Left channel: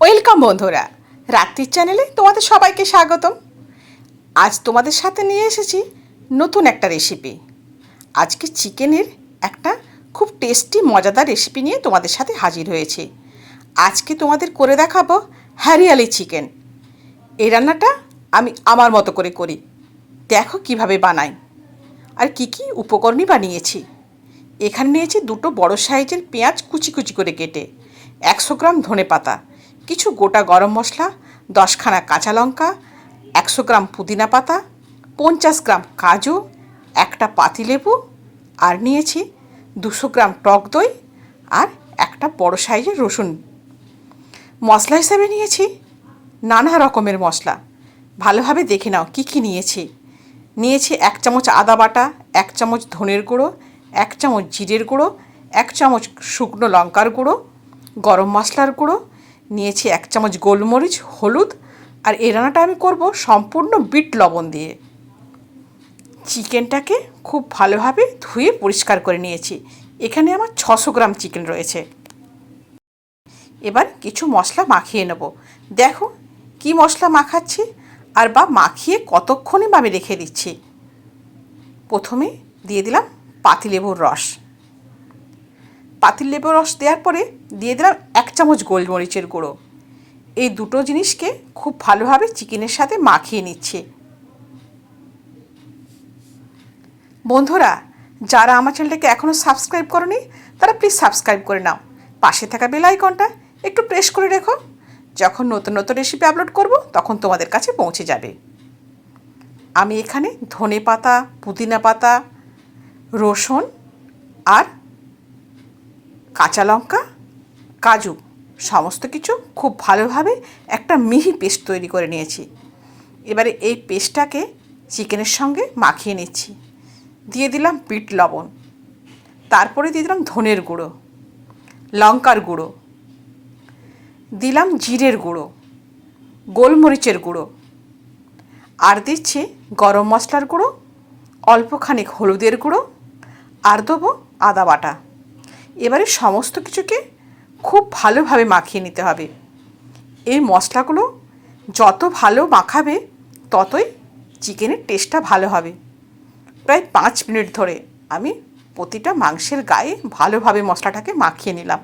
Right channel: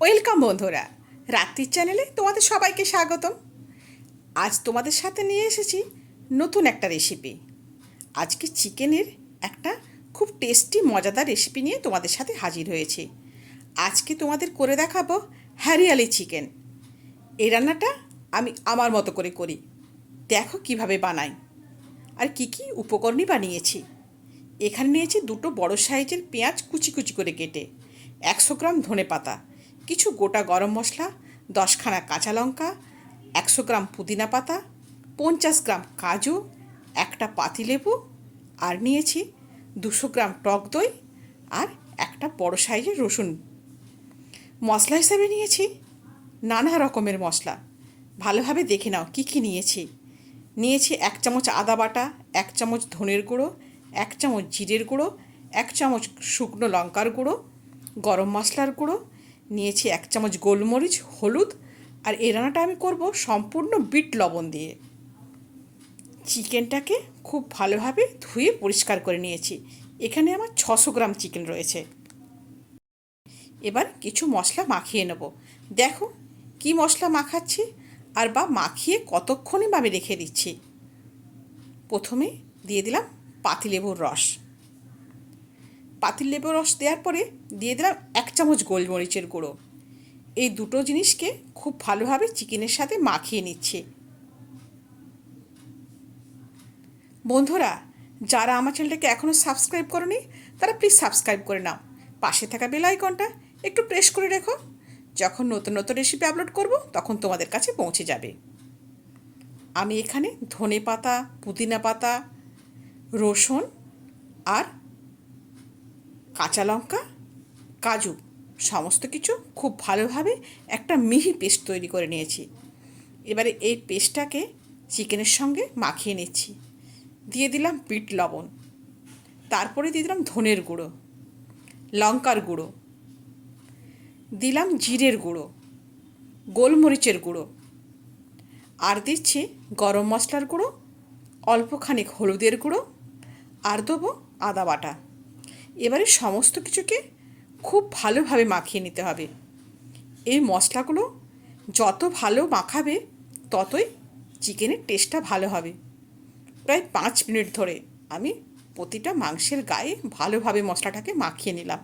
Welcome বন্ধুরা, রাত্রির চ্যানেলে তোমাদের সবাইকে স্বাগতম। আজ তোমাদের সাথে নিয়ে এসেছি নতুন একটা রেসিপি। আজকে চিকেনের একটা খুব টেস্টি মজাদার রেসিপি নিয়ে তোমাদের সাথে হাজির হয়েছি। আজকে তোমাদের করে দেখাবো হরিয়ালি চিকেন। এই রান্নাটা আমি আমার মতো করে করি, দেখো কিভাবে বানাই আর কি কি উপকরণই বানিয়েছি। এখানে নিয়েছি দুটো বড় সাইজের পেঁয়াজ কুচি কুচি করে কেটে, 100 গ্রাম ধনেপাতা, কিছু গোটা গরম মশলা, 10খানা কাঁচা লঙ্কা, 100 গ্রাম পুদিনা পাতা, 50 গ্রাম কাজু, একটা পাতিলেবু, আর নিয়েছি 200 গ্রাম টক দই আর একটা বড় সাইজের রসুন। মশলা হিসেবে নিয়েছি নানা রকমের মশলা। ভালোভাবে দেখে নাও কী কী নিয়েছি। নিয়েছি 1 চামচ আদা বাটা, 1 চামচ ধনের গুঁড়ো, 1 চামচ জিরের গুঁড়ো, 1 চামচ শুকনো লঙ্কার গুঁড়ো, গরম মশলার গুঁড়ো, নিয়েছি 1 চামচ গোলমরিচ, হলুদ। আর এই রান্নাটা আমি করব সম্পূর্ণ বিট লবণ দিয়ে। চিকেনটাকে খুব ভালোভাবে ধুয়ে পরিষ্কার করে নিয়েছি। এখানে আমার 600 গ্রাম চিকেন রয়েছে। এবার কিছু মশলা মাখিয়ে নেব। দেখো কি মশলা মাখাচ্ছি আর বা মাখিয়ে কতক্ষণই বা আমি রেখে দিচ্ছি। প্রথমে দিয়ে দিলাম পাতিলেবুর রস। পাতিলেবুর রস দেওয়ার পরে দিয়ে দিলাম 1 চামচ গোলমরিচের গুঁড়ো। এই দুটো জিনিসকে খুব ভালোভাবে চিকেনের সাথে মাখিয়ে নিচ্ছি। বন্ধুরা, যারা আমার চ্যানেলটাকে এখনও সাবস্ক্রাইব করোনি তারা প্লিজ সাবস্ক্রাইব করে নাও। পাশে থাকা বেল আইকনটা একটু প্রেস করে রেখো। যখন নতুন নতুন রেসিপি আপলোড করব তখন তোমাদের কাছে পৌঁছে যাবে। আমি এখানে ধনে পাতা, পুদিনা পাতা, রসুন আর কাঁচা লঙ্কা, কাজু সমস্ত কিছু খুব ভালোভাবে একটা মিহি পেস্ট তৈরি করে নিয়েছি। এবারে এই পেস্টটাকে চিকেনের সঙ্গে মাখিয়ে নিচ্ছি। দিয়ে দিলাম বিট লবণ, তারপরে দিয়ে দিলাম ধনের গুঁড়ো, লঙ্কার গুঁড়ো, দিলাম জিরের গুঁড়ো, গোলমরিচের গুঁড়ো, আর দিচ্ছি গরম মশলার গুঁড়ো, অল্পখানিক হলুদের গুঁড়ো, আর দেবো আদা বাটা। এবারে সমস্ত কিছুকে খুব ভালোভাবে মাখিয়ে নিতে হবে। এই মশলাগুলো যত ভালো মাখাবে ততই চিকেনের টেস্টটা ভালো হবে। প্রায় 5 মিনিট ধরে আমি প্রতিটা মাংসের গায়ে ভালোভাবে মশলাটাকে মাখিয়ে নিলাম।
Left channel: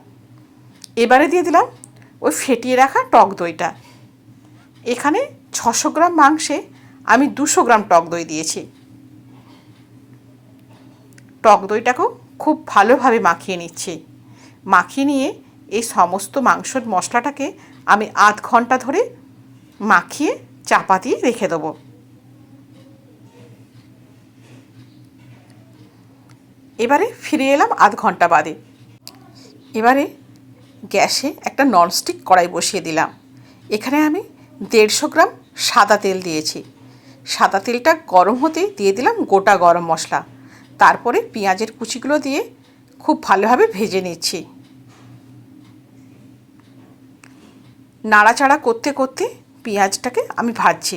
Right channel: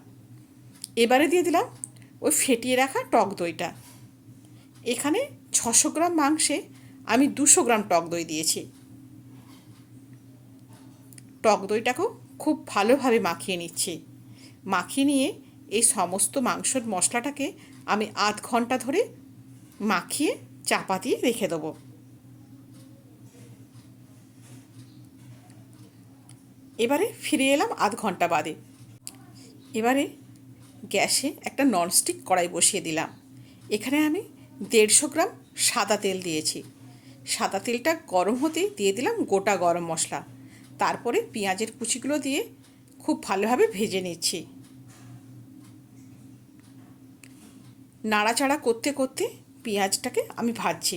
এবারে দিয়ে দিলাম ওই ফেটিয়ে রাখা টক দইটা। এখানে 600 গ্রাম মাংসে আমি 200 গ্রাম টক দই দিয়েছি। টক দইটাকেও খুব ভালোভাবে মাখিয়ে নিচ্ছি। মাখিয়ে নিয়ে এই সমস্ত মাংসর মশলাটাকে আমি আধ ঘন্টা ধরে মাখিয়ে চাপা দিয়ে রেখে দেবো। এবারে ফিরে এলাম আধ ঘন্টা বাদে। এবারে গ্যাসে একটা ননস্টিক কড়াই বসিয়ে দিলাম। এখানে আমি 150 গ্রাম সাদা তেল দিয়েছি। সাদা তেলটা গরম হতেই দিয়ে দিলাম গোটা গরম মশলা। তারপরে পেঁয়াজের কুচিগুলো দিয়ে খুব ভালোভাবে ভেজে নিচ্ছি। নাড়াচাড়া করতে করতে পেঁয়াজটাকে আমি ভাজছি।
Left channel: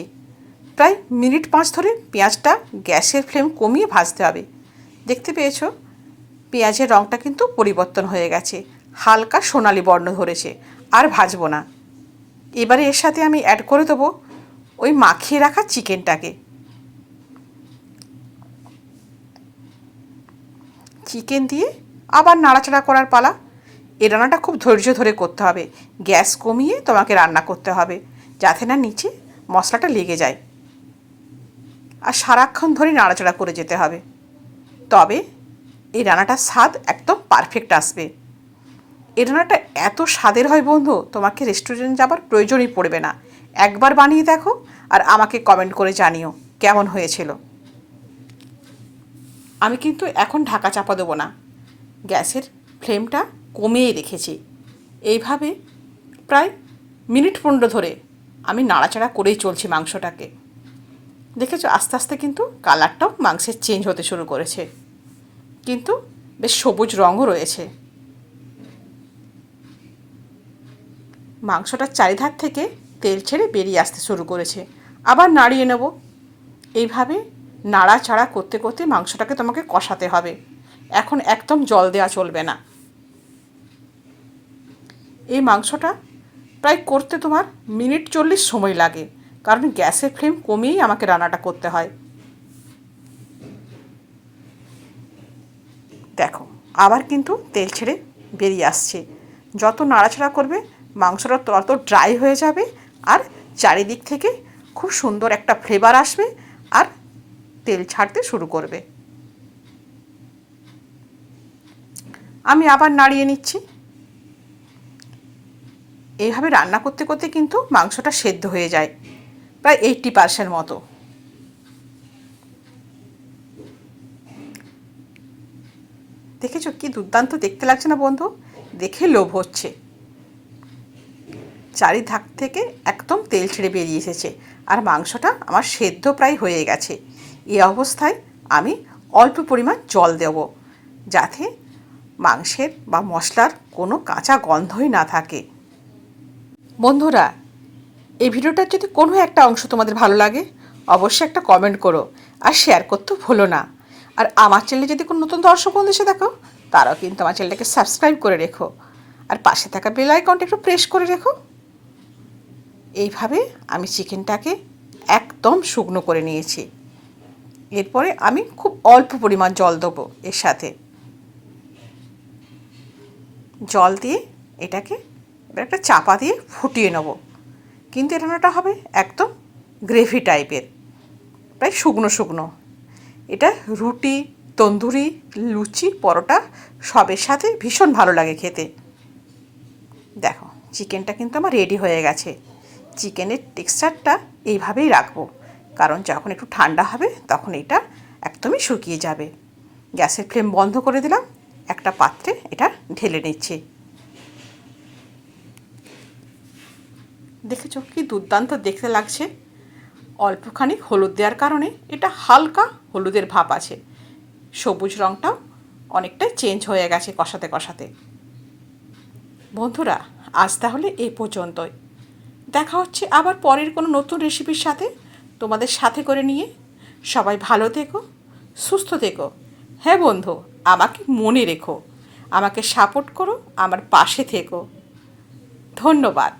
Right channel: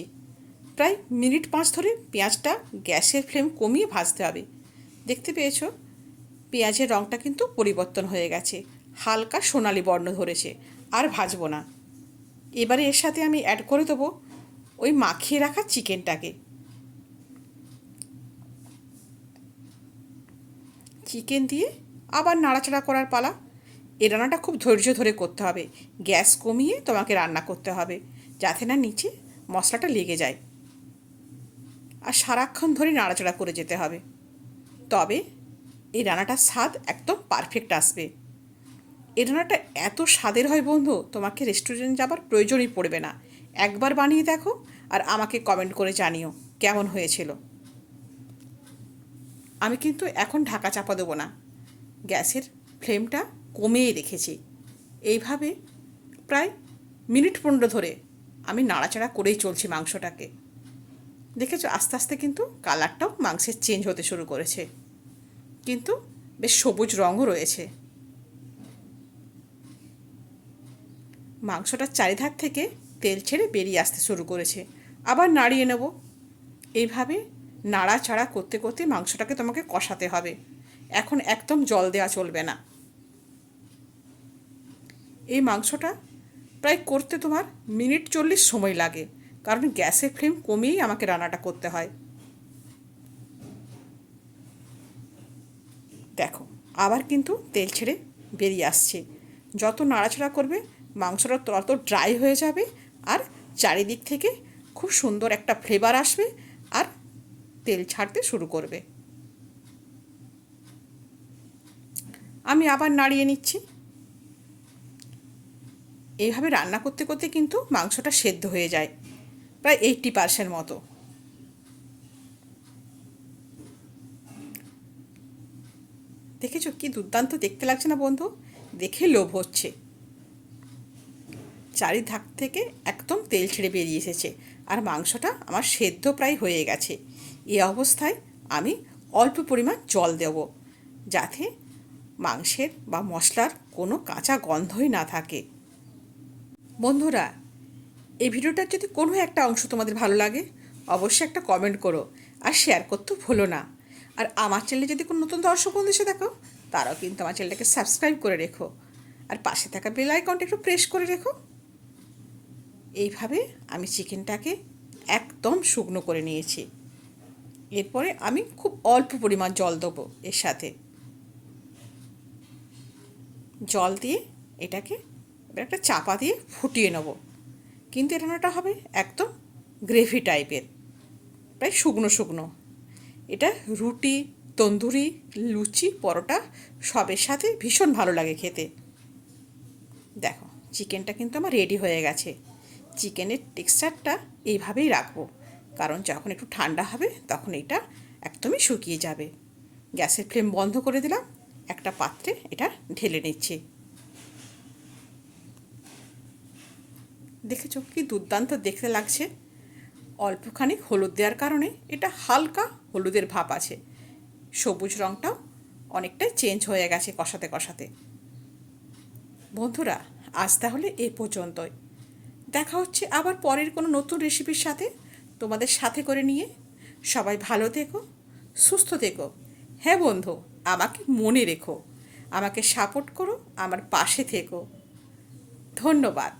প্রায় মিনিট 5 ধরে পেঁয়াজটা গ্যাসের ফ্লেম কমিয়ে ভাজতে হবে। দেখতে পেয়েছো পেঁয়াজের রঙটা কিন্তু পরিবর্তন হয়ে গেছে, হালকা সোনালি বর্ণ ধরেছে। আর ভাজবো না। এবারে এর সাথে আমি অ্যাড করে দেবো ওই মাখিয়ে রাখা চিকেনটাকে। চিকেন দিয়ে আবার নাড়াচাড়া করার পালা। এই রান্নাটা খুব ধৈর্য ধরে করতে হবে। গ্যাস কমিয়ে তোমাকে রান্না করতে হবে যাতে না নিচে মশলাটা লেগে যায়। আর সারাক্ষণ ধরে নাড়াচাড়া করে যেতে হবে, তবে এই রান্নাটার স্বাদ একদম পারফেক্ট আসবে। এই রান্নাটা এত স্বাদের হয় বন্ধু, তোমাকে রেস্টুরেন্ট যাবার প্রয়োজনই পড়বে না। একবার বানিয়ে দেখো আর আমাকে কমেন্ট করে জানিও কেমন হয়েছিল। আমি কিন্তু এখন ঢাকা চাপা দেবো না, গ্যাসের ফ্লেমটা কমিয়ে রেখেছি। এইভাবে প্রায় মিনিট 15 ধরে আমি নাড়াচাড়া করেই চলছি মাংসটাকে। দেখেছো আস্তে আস্তে কিন্তু কালারটাও মাংসের চেঞ্জ হতে শুরু করেছে, কিন্তু বেশ সবুজ রঙও রয়েছে। মাংসটার চারিধার থেকে তেল ছেড়ে বেরিয়ে আসতে শুরু করেছে। আবার নাড়িয়ে নেব। এইভাবে নাড়াচাড়া করতে করতে মাংসটাকে তোমাকে কষাতে হবে। এখন একদম জল দেওয়া চলবে না। এই মাংসটা প্রায় করতে তোমার মিনিট 40 সময় লাগে, কারণ গ্যাসের ফ্লেম কমিয়েই আমাকে রান্নাটা করতে হয়। দেখো আবার কিন্তু তেল ছেড়ে বেরিয়ে আসছে। যত নাড়াচাড়া করবে মাংসটা তত ড্রাই হয়ে যাবে, আর চারিদিক থেকে খুব সুন্দর একটা ফ্লেভার আসবে আর তেল ছাড়তে শুরু করবে। আমি আবার নাড়িয়ে নিচ্ছি। এইভাবে রান্না করতে করতে কিন্তু মাংসটা সেদ্ধ হয়ে যায় প্রায় 80% মতো। দেখেছো কি দুর্দান্ত দেখতে লাগছে না বন্ধু? দেখে লোভ হচ্ছে। চারিধাক থেকে একদম তেল ছেড়ে বেরিয়ে এসেছে আর মাংসটা আমার সেদ্ধ প্রায় হয়ে গেছে। এই অবস্থায় আমি অল্প পরিমাণ জল দেব, যাতে মাংসের বা মশলার কোনো কাঁচা গন্ধই না থাকে। বন্ধুরা, এই ভিডিওটার যদি কোনো একটা অংশ তোমাদের ভালো লাগে অবশ্যই একটা কমেন্ট করো আর শেয়ার করতে ভুলো না। আর আমার চ্যানেলে যদি কোনো নতুন দর্শক বন্ধু এসে দেখো, তারাও কিন্তু আমার চ্যানেলটাকে সাবস্ক্রাইব করে রেখো আর পাশে থাকা বেল আইকনটা একটু প্রেস করে রেখো। এইভাবে আমি চিকেনটাকে একদম শুকনো করে নিয়েছি। এরপরে আমি খুব অল্প পরিমাণ জল দেবো এর সাথে। জল দিয়ে এটাকে এবার একটা চাপা দিয়ে ফুটিয়ে নেব। কিন্তু এই রান্নাটা হবে একদম গ্রেভি টাইপের, প্রায় শুকনো শুকনো। এটা রুটি, তন্দুরি, লুচি, পরোটা সবের সাথে ভীষণ ভালো লাগে খেতে। দেখো চিকেনটা কিন্তু আমার রেডি হয়ে গেছে। চিকেনের টেক্সচারটা এইভাবেই রাখবো, কারণ যখন একটু ঠান্ডা হবে তখন এটা একদমই শুকিয়ে যাবে। গ্যাসের ফ্লেম বন্ধ করে দিলাম, একটা পাত্রে এটা ঢেলে নিচ্ছি। দেখেছো কি দুর্দান্ত দেখতে লাগছে? অল্পখানি হলুদ দেওয়ার কারণে এটা হালকা হলুদের ভাব আছে, সবুজ রঙটাও অনেকটা চেঞ্জ হয়ে গেছে কষাতে কষাতে। বন্ধুরা, আজ তাহলে এই পর্যন্তই। দেখা হচ্ছে আবার পরের কোনো নতুন রেসিপির সাথে, তোমাদের সাথে করে নিয়ে। সবাই ভালো থেকো, সুস্থ থেকো। হ্যাঁ বন্ধু, আমাকে মনে রেখো, আমাকে সাপোর্ট করো, আমার পাশে থেকো। ধন্যবাদ।